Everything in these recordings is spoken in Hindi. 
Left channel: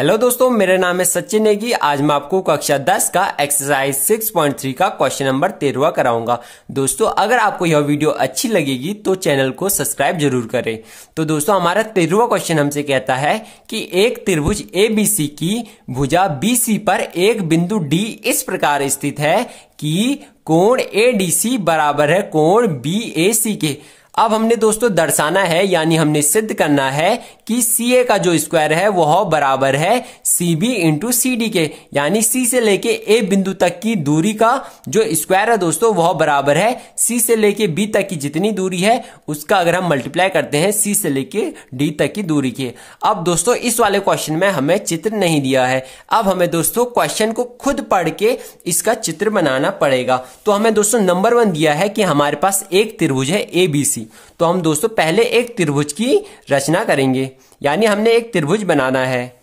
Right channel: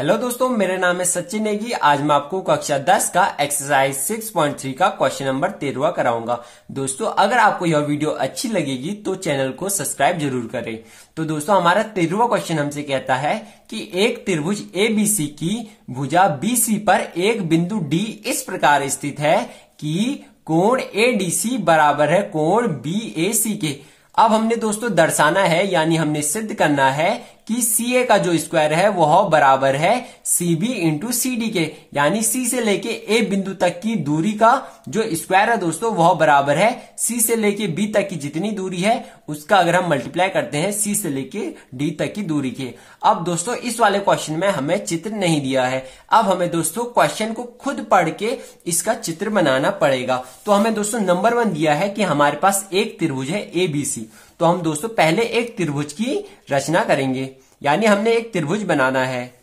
हेलो दोस्तों, मेरा नाम है सचिन नेगी। आज मैं आपको कक्षा 10 का एक्सरसाइज 6.3 का क्वेश्चन नंबर 13 कराऊंगा। दोस्तों, अगर आपको यह वीडियो अच्छी लगेगी तो चैनल को सब्सक्राइब जरूर करें। तो दोस्तों, हमारा 13वां क्वेश्चन हमसे कहता है कि एक त्रिभुज ABC की भुजा BC पर एक बिंदु D इस प्रकार स्थित है कि कोण ADC बराबर है कोण BAC के। अब हमने दोस्तों दर्शाना है, यानी हमने सिद्ध करना है कि CA का जो स्क्वायर है वह बराबर है CB इंटू CD के, यानी C से लेके A बिंदु तक की दूरी का जो स्क्वायर है दोस्तों वह बराबर है C से लेके B तक की जितनी दूरी है उसका अगर हम मल्टीप्लाई करते हैं C से लेके D तक की दूरी के। अब दोस्तों इस वाले क्वेश्चन में हमें चित्र नहीं दिया है। अब हमें दोस्तों क्वेश्चन को खुद पढ़ के इसका चित्र बनाना पड़ेगा। तो हमें दोस्तों नंबर 1 दिया है कि हमारे पास एक त्रिभुज है ABC। तो हम दोस्तों पहले एक त्रिभुज की रचना करेंगे, यानी हमने एक त्रिभुज बनाना है।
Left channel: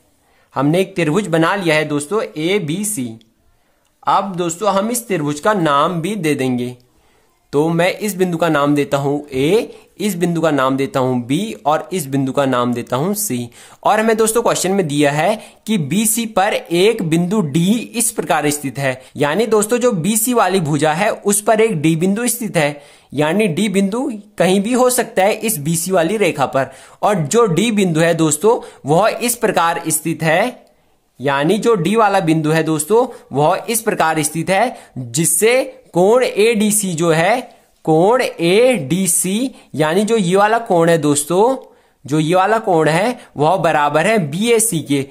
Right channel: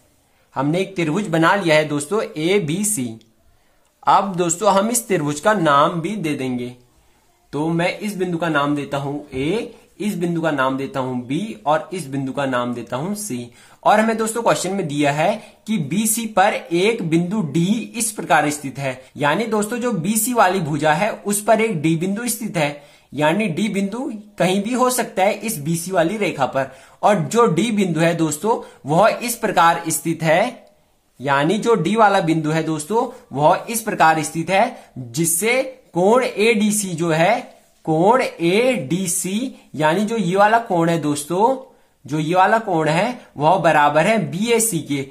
हमने एक त्रिभुज बना लिया है दोस्तों ABC। अब दोस्तों हम इस त्रिभुज का नाम भी दे देंगे। तो मैं इस बिंदु का नाम देता हूं A, इस बिंदु का नाम देता हूं B और इस बिंदु का नाम देता हूं C। और हमें दोस्तों क्वेश्चन में दिया है कि BC पर एक बिंदु D इस प्रकार स्थित है, यानी दोस्तों जो BC वाली भुजा है उस पर एक D बिंदु स्थित है, यानी D बिंदु कहीं भी हो सकता है इस BC वाली रेखा पर। और जो D बिंदु है दोस्तों वह इस प्रकार स्थित है, यानी जो D वाला बिंदु है दोस्तों वह इस प्रकार स्थित है जिससे कोण ADC जो है, कोण ADC यानी जो ये वाला कोण है दोस्तों, जो ये वाला कोण है वह बराबर है BAC के,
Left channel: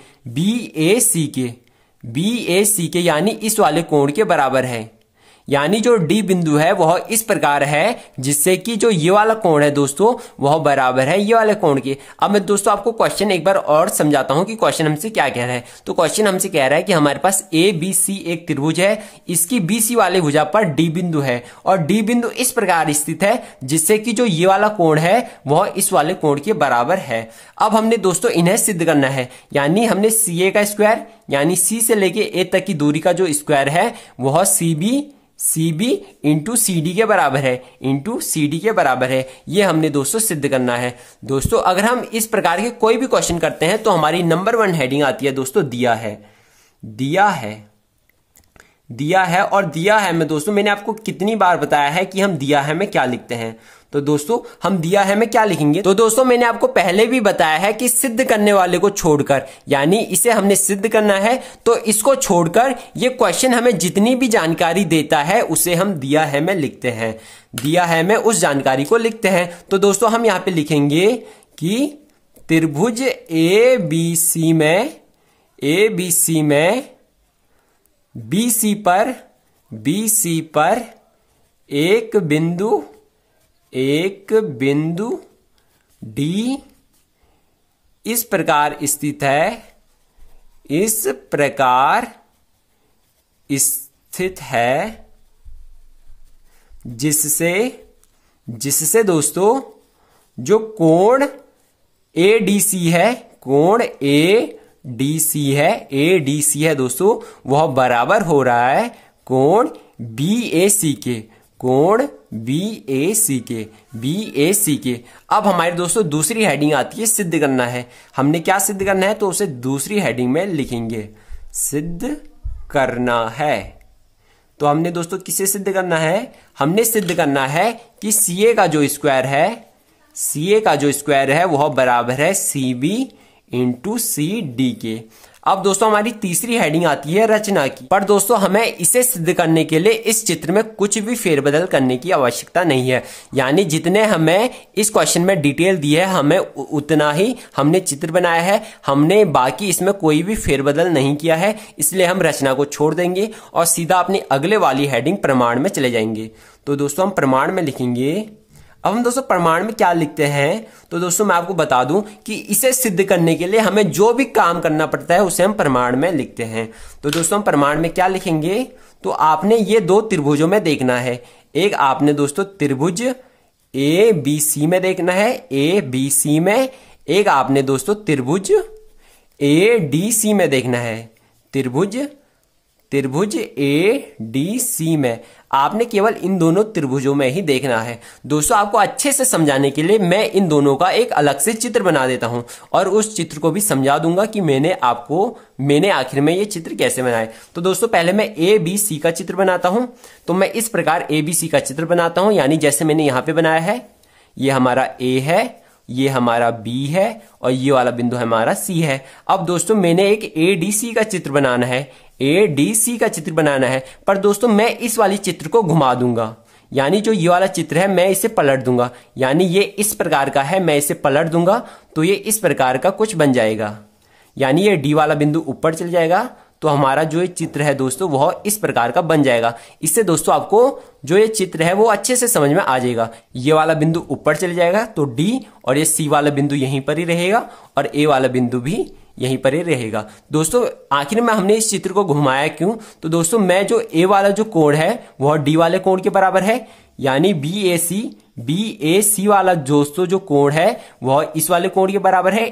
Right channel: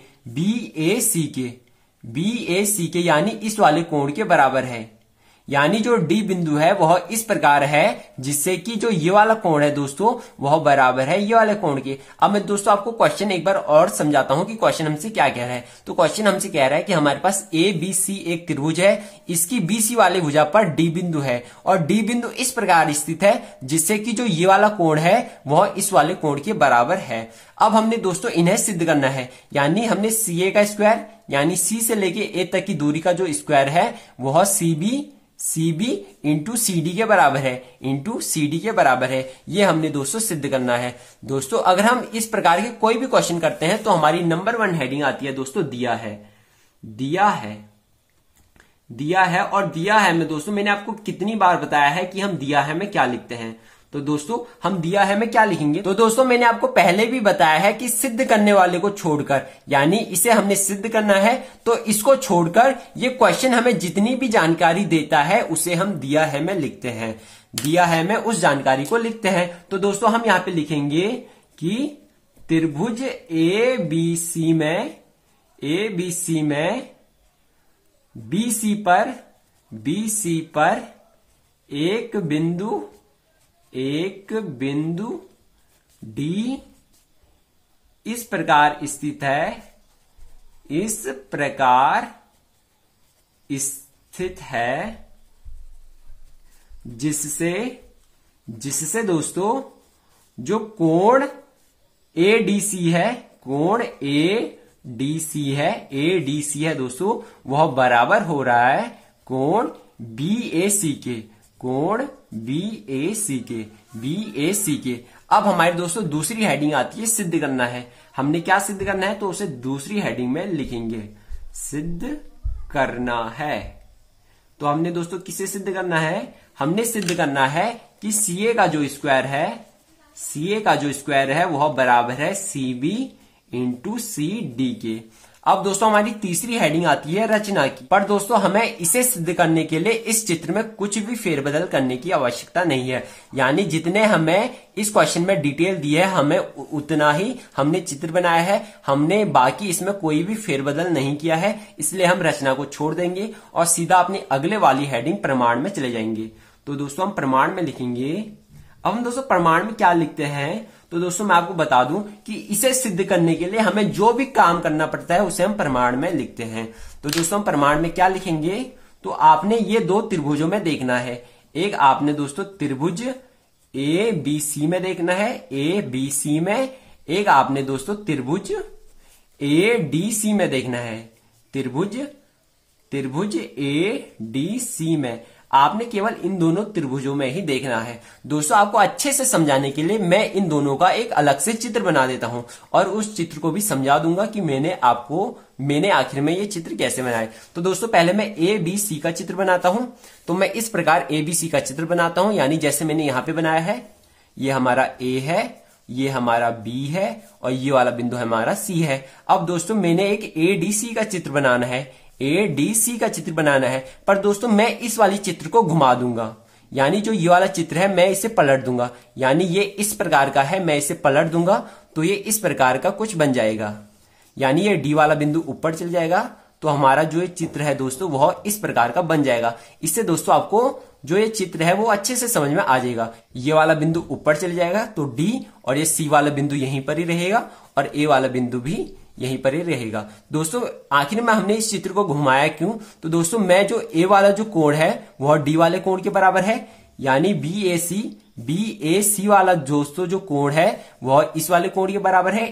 BAC के, यानी इस वाले कोण के बराबर है। यानी जो D बिंदु है वह इस प्रकार है जिससे कि जो ये वाला कोण है दोस्तों वह बराबर है ये वाले कोण के। अब मैं दोस्तों आपको क्वेश्चन एक बार और समझाता हूं कि क्वेश्चन हमसे क्या कह रहा है। तो क्वेश्चन हमसे कह रहा है कि हमारे पास ABC एक त्रिभुज है, इसकी BC वाली भुजा पर D बिंदु है और D बिंदु इस प्रकार स्थित है जिससे कि जो ये वाला कोण है वह इस वाले कोण के बराबर है। अब हमने दोस्तों इन्हें सिद्ध करना है, यानी हमने CA का स्क्वायर यानी C से लेके A तक की दूरी का जो स्क्वायर है वह CB इंटू CD के बराबर है, इंटू CD के बराबर है। ये हमने दोस्तों सिद्ध करना है। दोस्तों अगर हम इस प्रकार के कोई भी क्वेश्चन करते हैं तो हमारी नंबर 1 हेडिंग आती है दोस्तों दिया है। और दिया है में दोस्तों मैंने आपको कितनी बार बताया है कि हम दिया है में क्या लिखते हैं। तो दोस्तों हम दिया है में क्या लिखेंगे, तो दोस्तों मैंने आपको पहले भी बताया है कि सिद्ध करने वाले को छोड़कर, यानी इसे हमने सिद्ध करना है तो इसको छोड़कर ये क्वेश्चन हमें जितनी भी जानकारी देता है उसे हम दिया है में लिखते हैं। दिया है में उस जानकारी को लिखते हैं। तो दोस्तों हम यहां पे लिखेंगे कि त्रिभुज ABC में BC पर एक बिंदु D इस प्रकार स्थित है, जिससे दोस्तों जो कोण ADC है, कोण ADC है दोस्तों वह बराबर हो रहा है कोण BAC के, कोण BAC के। अब हमारे दोस्तों दूसरी हेडिंग आती है सिद्ध करना है। हमने क्या सिद्ध करना है तो उसे दूसरी हेडिंग में लिखेंगे, सिद्ध करना है। तो हमने दोस्तों किसे सिद्ध करना है, हमने सिद्ध करना है कि CA का जो स्क्वायर है वह बराबर है CB इंटू CD के। अब दोस्तों हमारी तीसरी हेडिंग आती है रचना की। पर दोस्तों हमें इसे सिद्ध करने के लिए इस चित्र में कुछ भी फेरबदल करने की आवश्यकता नहीं है, यानी जितने हमें इस क्वेश्चन में डिटेल दी है हमें उतना ही हमने चित्र बनाया है। हमने बाकी इसमें कोई भी फेरबदल नहीं किया है, इसलिए हम रचना को छोड़ देंगे और सीधा अपनी अगले वाली हेडिंग प्रमाण में चले जाएंगे। तो दोस्तों हम प्रमाण में लिखेंगे। अब हम दोस्तों प्रमाण में क्या लिखते हैं, तो दोस्तों मैं आपको बता दूं कि इसे सिद्ध करने के लिए हमें जो भी काम करना पड़ता है उसे हम प्रमाण में लिखते हैं। तो दोस्तों हम प्रमाण में क्या लिखेंगे, तो आपने ये दो त्रिभुजों में देखना है। एक आपने दोस्तों त्रिभुज ABC में देखना है, ABC में। एक आपने दोस्तों त्रिभुज ADC में देखना है, त्रिभुज ADC में। आपने केवल इन दोनों त्रिभुजों में ही देखना है। दोस्तों आपको अच्छे से समझाने के लिए मैं इन दोनों का एक अलग से चित्र बना देता हूं और उस चित्र को भी समझा दूंगा कि मैंने आखिर में ये चित्र कैसे बनाए। तो दोस्तों पहले मैं ए बी सी का चित्र बनाता हूं। तो मैं इस प्रकार ए बी सी का चित्र बनाता हूं, यानी जैसे मैंने यहां पे बनाया है, ये हमारा ए है, ये हमारा बी है और ये वाला बिंदु हमारा सी है। अब दोस्तों मैंने एक एडीसी का चित्र बनाना है, एडीसी का चित्र बनाना है, पर दोस्तों मैं इस वाली चित्र को घुमा दूंगा, यानी जो ये वाला चित्र है मैं इसे पलट दूंगा, यानी ये इस प्रकार का है, मैं इसे पलट दूंगा तो ये इस प्रकार का कुछ बन जाएगा, यानी ये डी वाला बिंदु ऊपर चल जाएगा। तो हमारा जो ये चित्र है दोस्तों वह इस प्रकार का बन जाएगा। इससे दोस्तों आपको जो ये चित्र है वो अच्छे से समझ में आ जाएगा। ये वाला बिंदु ऊपर चले जाएगा तो डी, और ये सी वाला बिंदु यहीं पर ही रहेगा और ए वाला बिंदु भी यहीं पर ही रहेगा। दोस्तों आखिर में हमने इस चित्र को घुमाया क्यों? तो दोस्तों मैं जो ए वाला जो कोण है वह डी वाले कोण के बराबर है, यानी बी ए सी वाला दोस्तों जो कोण है वह इस वाले कोण के बराबर है,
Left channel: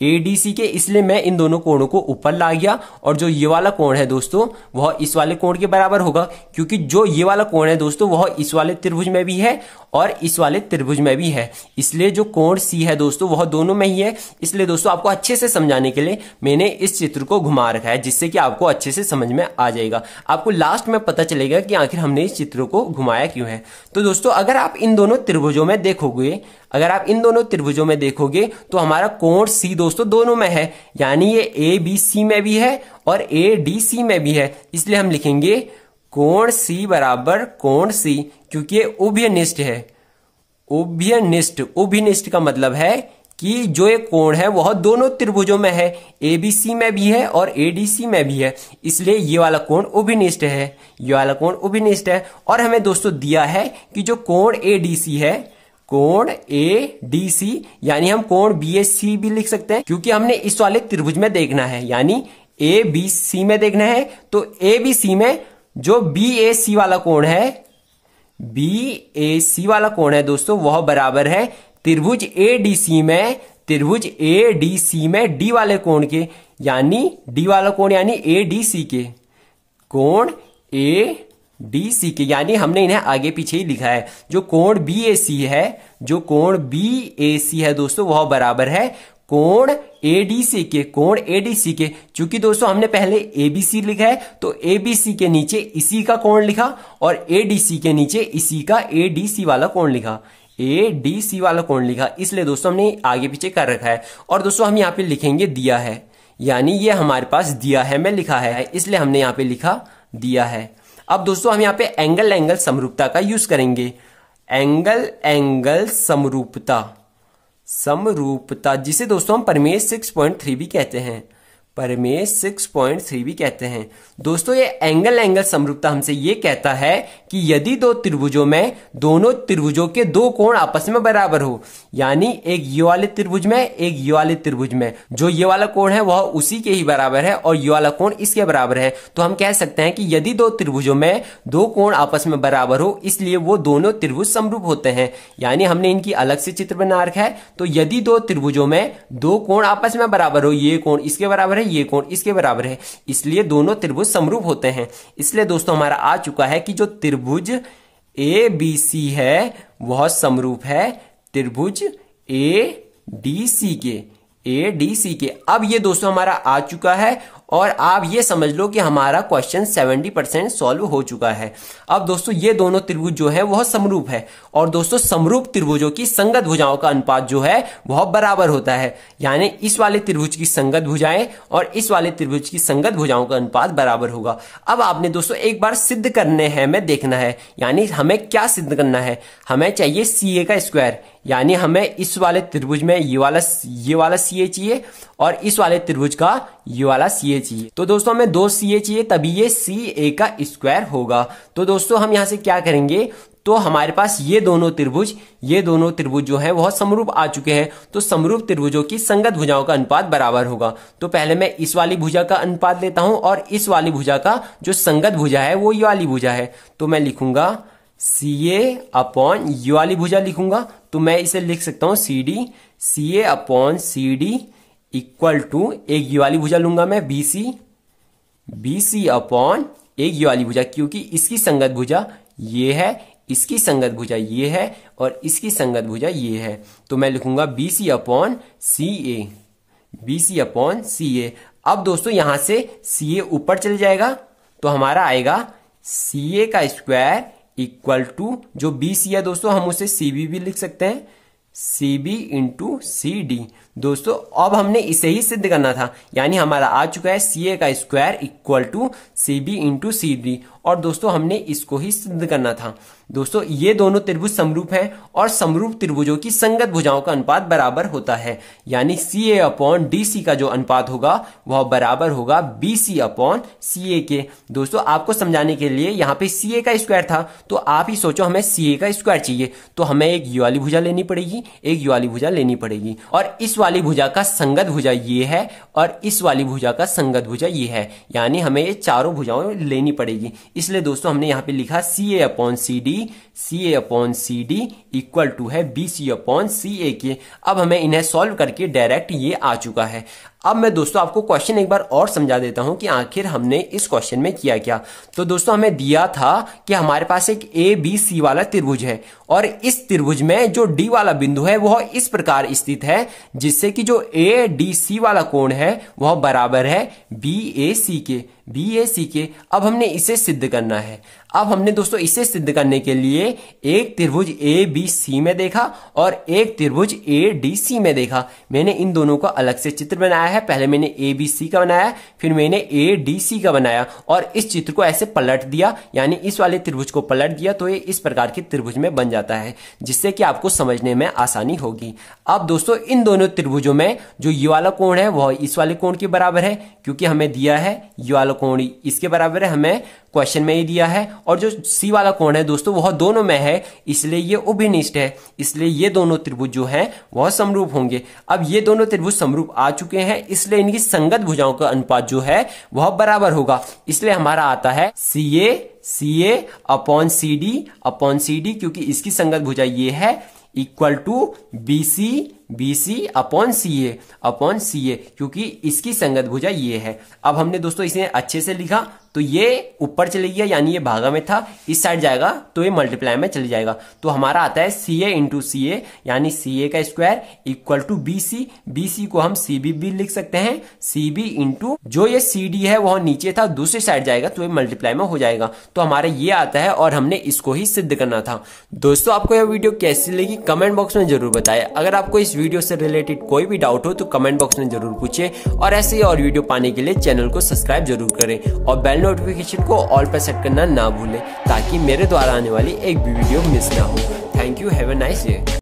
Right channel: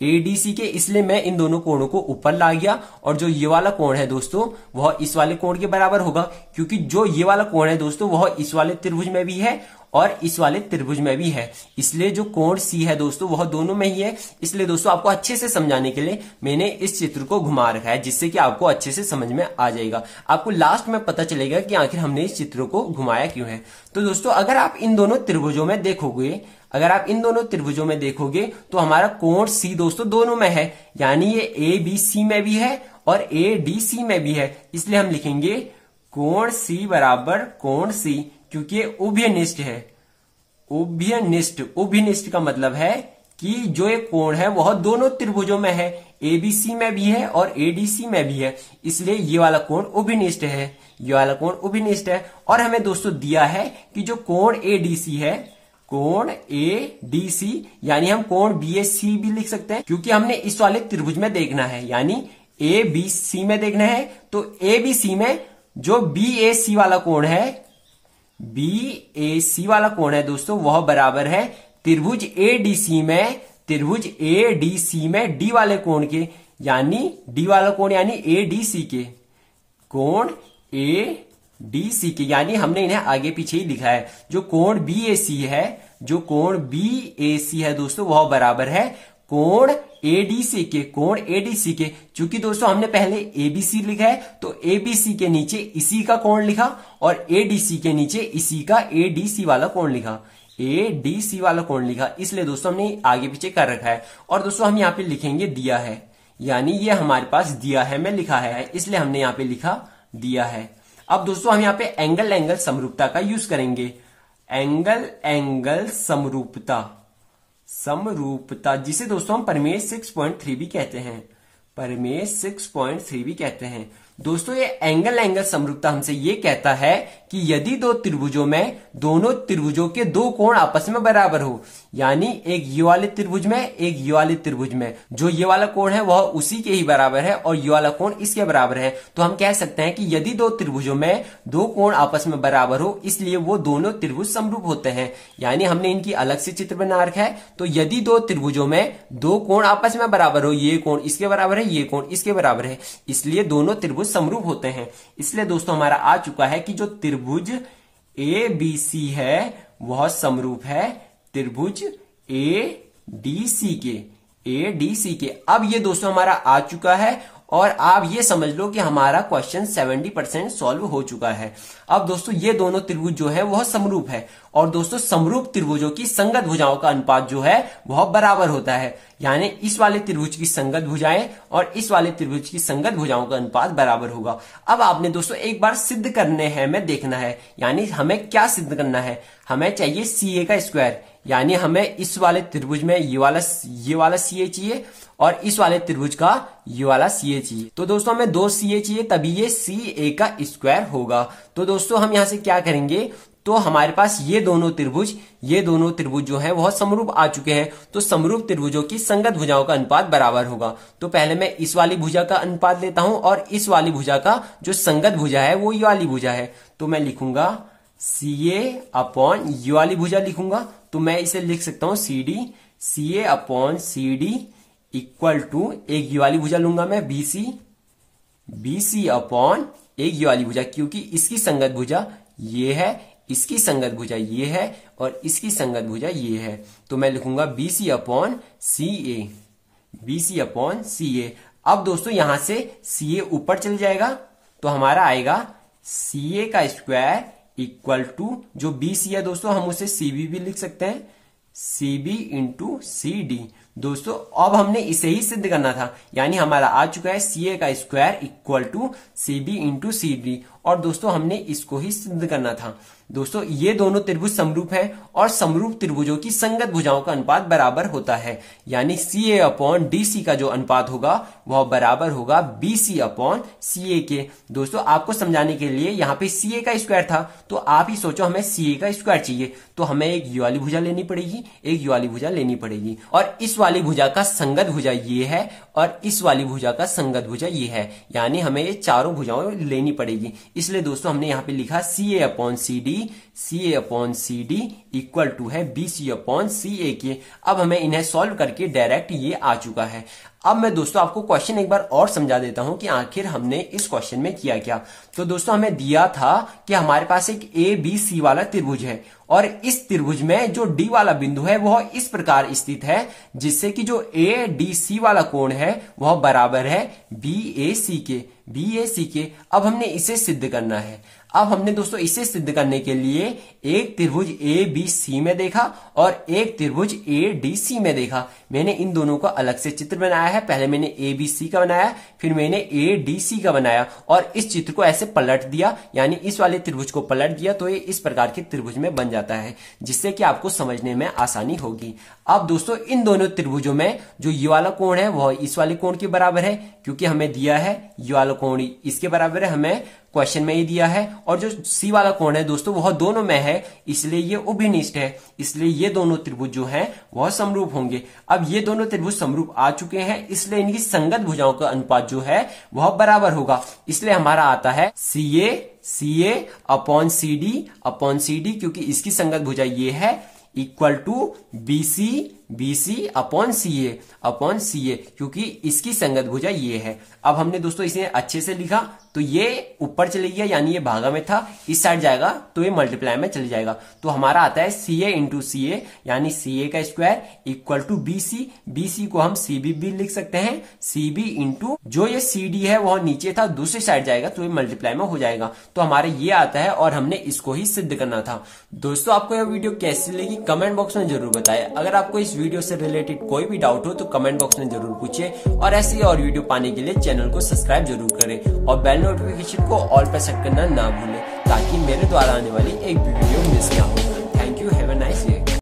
एडीसी के, इसलिए मैं इन दोनों कोणों को ऊपर ला गया और जो ये वाला कोण है दोस्तों वह इस वाले कोण के बराबर होगा, क्योंकि जो ये वाला कोण है दोस्तों वह इस वाले त्रिभुज में भी है और इस वाले त्रिभुज में भी है, इसलिए जो कोण सी है दोस्तों वह दोनों में ही है। इसलिए दोस्तों आपको अच्छे से समझाने के लिए मैंने इस चित्र को घुमा रखा है, जिससे कि आपको अच्छे से समझ में आ जाएगा। आपको लास्ट में पता चलेगा कि आखिर हमने इस चित्र को घुमाया क्यों है। तो दोस्तों अगर आप इन दोनों त्रिभुजों में देखोगे, तो हमारा कोण सी दोस्तों दोनों में है, यानी ये ए बी सी में भी है और ए डी सी में भी है, इसलिए हम लिखेंगे कोण सी बराबर कोण सी, क्योंकि ये उभयनिष्ठ है। उभयनिष्ठ का मतलब है कि जो एक कोण है वह दोनों त्रिभुजों में है, एबीसी में भी है और एडीसी में भी है, इसलिए ये वाला कोण उभयनिष्ठ है। और हमें दोस्तों दिया है कि जो कोण एडीसी है, कोण एडीसी, यानी हम कोण बीएसी भी लिख सकते हैं, क्योंकि हमने इस वाले त्रिभुज में देखना है, यानी ए बी सी में देखना है। तो ए बी सी में जो बी ए सी वाला कोण है दोस्तों वह बराबर है त्रिभुज एडीसी में डी वाले कोण के, यानी डी वाला कोण यानी एडीसी के, कोण एडीसी के, यानी हमने इन्हें आगे पीछे ही लिखा है। जो कोण बीएसी है दोस्तों वह बराबर है कोण एडीसी के, क्योंकि दोस्तों हमने पहले एबीसी लिखा है तो एबीसी के नीचे इसी का कोण लिखा और एडीसी के नीचे इसी का एडीसी वाला कोण लिखा, इसलिए दोस्तों हमने आगे पीछे कर रखा है। और दोस्तों हम यहाँ पे लिखेंगे दिया है, यानी ये हमारे पास दिया है में लिखा है, इसलिए हमने यहाँ पे लिखा दिया है। अब दोस्तों हम यहाँ पे एंगल समरूपता का यूज करेंगे। एंगल समरूपता, जिसे दोस्तों हम प्रमेय 6.3 भी कहते हैं। दोस्तों ये एंगल समरूपता हमसे ये कहता है कि यदि दो त्रिभुजों में दोनों त्रिभुजों के दो कोण आपस में बराबर हो, यानी एक ये वाले त्रिभुज में एक ये वाले त्रिभुज में, जो ये वाला कोण है वह उसी के ही बराबर है और ये वाला कोण इसके बराबर है, तो हम कह सकते हैं कि यदि दो त्रिभुजों में दो कोण आपस में बराबर हो, इसलिए वो दोनों त्रिभुज समरूप होते हैं। यानी हमने इनकी अलग से चित्र बना रखा है। तो यदि दो त्रिभुजों में दो कोण आपस में बराबर हो, ये कोण इसके बराबर है, ये कोण इसके बराबर है, इसलिए दोनों त्रिभुज समरूप होते हैं। इसलिए दोस्तों हमारा आ चुका है कि जो त्रिभुज ए बी सी है वह समरूप है त्रिभुज ए डी सी के। अब ये दोस्तों हमारा आ चुका है और आप ये समझ लो कि हमारा क्वेश्चन 70% सॉल्व हो चुका है। अब दोस्तों ये दोनों त्रिभुज जो है वह समरूप है और दोस्तों समरूप त्रिभुजों की संगत भुजाओं का अनुपात जो है वह बराबर होता है, यानी इस वाले त्रिभुज की संगत भुजाएं और इस वाले त्रिभुज की संगत भुजाओं का अनुपात बराबर होगा। अब आपने दोस्तों एक बार सिद्ध करने हैं में देखना है, यानी हमें क्या सिद्ध करना है, हमें चाहिए CA का स्क्वायर, यानी हमें इस वाले त्रिभुज में ये वाला CA चाहिए और इस वाले त्रिभुज का ये वाला CA चाहिए। तो दोस्तों हमें 2 CA चाहिए, तभी ये CA का स्क्वायर होगा। तो दोस्तों हम यहां से क्या करेंगे, तो हमारे पास ये दोनों त्रिभुज जो है वह समरूप आ चुके हैं, तो समरूप त्रिभुजों की संगत भुजाओं का अनुपात बराबर होगा। तो पहले मैं इस वाली भुजा का अनुपात लेता हूं और इस वाली भुजा का जो संगत भुजा है वो ये वाली भुजा है, तो मैं लिखूंगा CA अपॉन ये वाली भुजा लिखूंगा, तो मैं इसे लिख सकता हूं CA upon CD equal to एक ये वाली भुजा लूंगा मैं BC अपॉन एक ये वाली भुजा, क्योंकि इसकी संगत भुजा ये है, इसकी संगत भुजा ये है और इसकी संगत भुजा ये है, तो मैं लिखूंगा BC upon CA, BC upon CA। अब दोस्तों यहां से CA ऊपर चल जाएगा तो हमारा आएगा CA का स्क्वायर इक्वल टू जो BC है दोस्तों हम उसे CB भी लिख सकते हैं, CB इंटू CD। दोस्तों अब हमने इसे ही सिद्ध करना था, यानी हमारा आ चुका है CA का square equal to CB into CD, और दोस्तों हमने इसको ही सिद्ध करना था। दोस्तों ये दोनों त्रिभुज समरूप हैं और समरूप त्रिभुजों की संगत भुजाओं का अनुपात बराबर होता है, यानी CA अपॉन DC का जो अनुपात होगा वह बराबर होगा BC अपॉन CA के। दोस्तों आपको समझाने के लिए यहाँ पे CA का स्क्वायर था, तो आप ही सोचो हमें CA का स्क्वायर चाहिए, तो हमें एक ये वाली भुजा लेनी पड़ेगी, एक ये वाली भुजा लेनी पड़ेगी, और इस वाली भुजा का संगत भुजा ये है और इस वाली भुजा का संगत भुजा ये है, यानी हमें ये चारों भुजाएं लेनी पड़ेगी। इसलिए दोस्तों हमने यहाँ पे लिखा CA upon CD, CA upon CD equal to है BC अपॉन CA के। अब हमें इन्हें सॉल्व करके डायरेक्ट ये आ चुका है। अब मैं दोस्तों आपको क्वेश्चन एक बार और समझा देता हूं कि आखिर हमने इस क्वेश्चन में किया क्या। तो दोस्तों हमें दिया था कि हमारे पास एक ABC वाला त्रिभुज है और इस त्रिभुज में जो D वाला बिंदु है वह इस प्रकार स्थित है जिससे कि जो ADC वाला कोण है वह बराबर है BAC के। अब हमने इसे सिद्ध करना है। अब हमने दोस्तों इसे सिद्ध करने के लिए एक त्रिभुज ABC में देखा और एक त्रिभुज ADC में देखा। मैंने इन दोनों का अलग से चित्र बनाया है, पहले मैंने ABC का बनाया, फिर मैंने ADC का बनाया और इस चित्र को ऐसे पलट दिया, यानी इस वाले त्रिभुज को पलट दिया तो ये इस प्रकार के त्रिभुज में बन जाता है, जिससे कि आपको समझने में आसानी होगी। अब दोस्तों इन दोनों त्रिभुजों में जो ये वाला कोण है वह इस वाले कोण के बराबर है, क्योंकि हमें दिया है ये वाला कोण इसके बराबर है, हमें क्वेश्चन में ही दिया है, और जो C वाला कोण है दोस्तों वह दोनों में है, इसलिए ये उभयनिष्ठ है, इसलिए ये दोनों त्रिभुज जो हैं वह समरूप होंगे। अब ये दोनों त्रिभुज समरूप आ चुके हैं, इसलिए इनकी संगत भुजाओं का अनुपात जो है वह बराबर होगा। इसलिए हमारा आता है CA अपॉन CD, क्योंकि इसकी संगत भुजा ये है, equal to BC upon CA, क्योंकि इसकी संगत भुजा ये है। अब हमने दोस्तों इसे अच्छे से लिखा तो ये ऊपर चले गया, यानी ये भागा में था, इस साइड जाएगा तो ये मल्टीप्लाई में चले जाएगा, तो हमारा आता है CA इंटू CA, यानी CA का स्क्वायर इक्वल टू BC को हम CB भी लिख सकते हैं, CB इंटू जो ये CD है वह नीचे था, दूसरी साइड जाएगा तो ये मल्टीप्लाई में हो जाएगा, तो हमारा ये आता है और हमने इसको ही सिद्ध करना था। दोस्तों आपको यह वीडियो कैसी लगी कमेंट बॉक्स में जरूर बताएं। अगर आपको इस वीडियो से रिलेटेड कोई भी डाउट हो तो कमेंट बॉक्स में जरूर पूछे, और ऐसे ही और वीडियो पाने के लिए चैनल को सब्सक्राइब जरूर करें और बेल नोटिफिकेशन को ऑल पर सेट करना ना भूलें, ताकि मेरे द्वारा आने वाली एक भी वीडियो मिस ना हो। Thank you, have a nice day.